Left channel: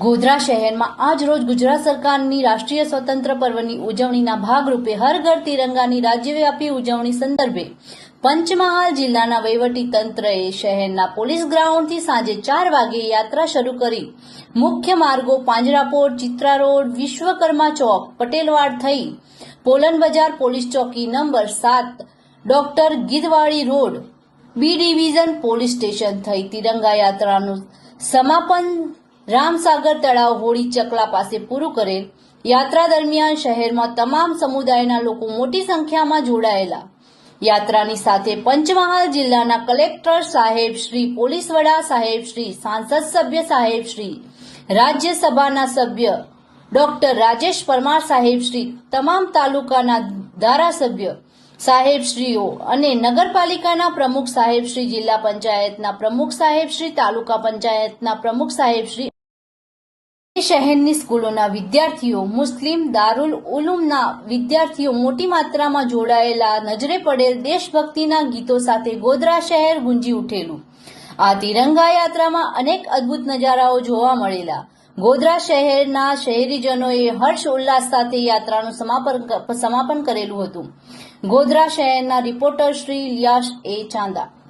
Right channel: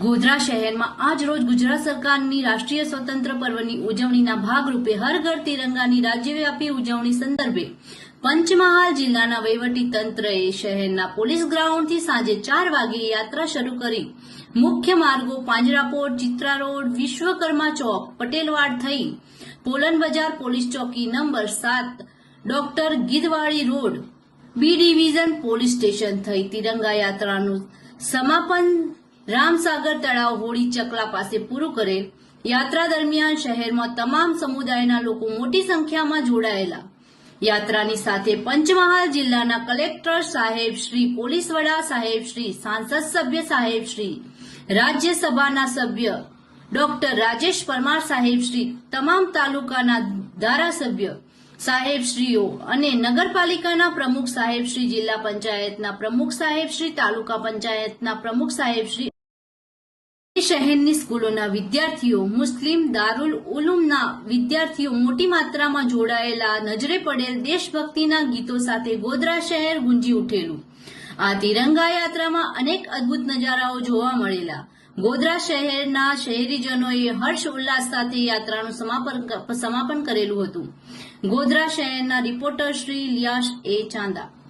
ગોધરા શહેરમાં આજ રોજ ગુજરાત સરકારની રાષ્ટ્રીય સ્વતંત્ર પર્વની ઉજવણીના ભાગરૂપે હર ઘર તિરંગાની રાજ્યવ્યાપી ઉજવણી સંદર્ભે પંચમહાલ જિલ્લાના વહીવટી તંત્રએ શહેરના પોલીસ ગ્રાઉન્ડથી સાંજે 4 વાગે યાત્રા શરૂ કરી મુખ્ય માર્ગો પાંજરાપોળ, ચિત્રા રોડ, વિશ્વકર્મા ચોક, પટેલવાડ થઈ પોલન બજાર, પોલીસ ચોકી number 7, doctor Gidhwadi road, B division police station થઈ તિરંગા યાત્રાનું સમાપન રામસાગર તળાવ હોળી ચકલા પાસે પૂરું કરેલ. યાત્રા દરમિયાન શહેરમાં તમામ સમુદાયના લોકો મોટી સંખ્યામાં જોડાયેલા. યાત્રાની સાથે પંચમહાલ જિલ્લાના કલેક્ટર સાહેબ શ્રી, પોલીસ વડા સાહેબ શ્રી, સાંસદ સભ્ય સાહેબ શ્રી, રાજ્યસભાના સભ્ય ડોક્ટર રાજેશ પરમાર સાહેબ શ્રી, તમામ તાલુકાના ધારાસભ્ય સાહેબશ્રીઓ અને નગરપાલિકાના પ્રમુખ સાહેબશ્રી, જિલ્લા પંચાયતના પ્રમુખ સાહેબશ્રી, તાલુકા પંચાયતના પ્રમુખ સાહેબશ્રી, શહેરની સ્કૂલોના વિદ્યાર્થીઓ, મુસ્લિમ દારુલ ઉલૂમના વિદ્યાર્થીઓ મોટી માત્રામાં જોડાયેલા. નજરે પડેલ દેશભક્તિના ગીતો સાથે ગોધરા શહેર ગુંજી ઉઠેલું. આ તિરંગા યાત્રામાં અનેક અદ્ભુત નજારાઓ જોવા મળેલા. ગોધરા શહેરના શહેરીજનોએ હર્ષ ઉલ્લાસ સાથે યાત્રાનું સમાપન કરેલું હતું. ગોધરા શહેરના રિપોર્ટર શ્રી લિયાસ એ ચાંદા.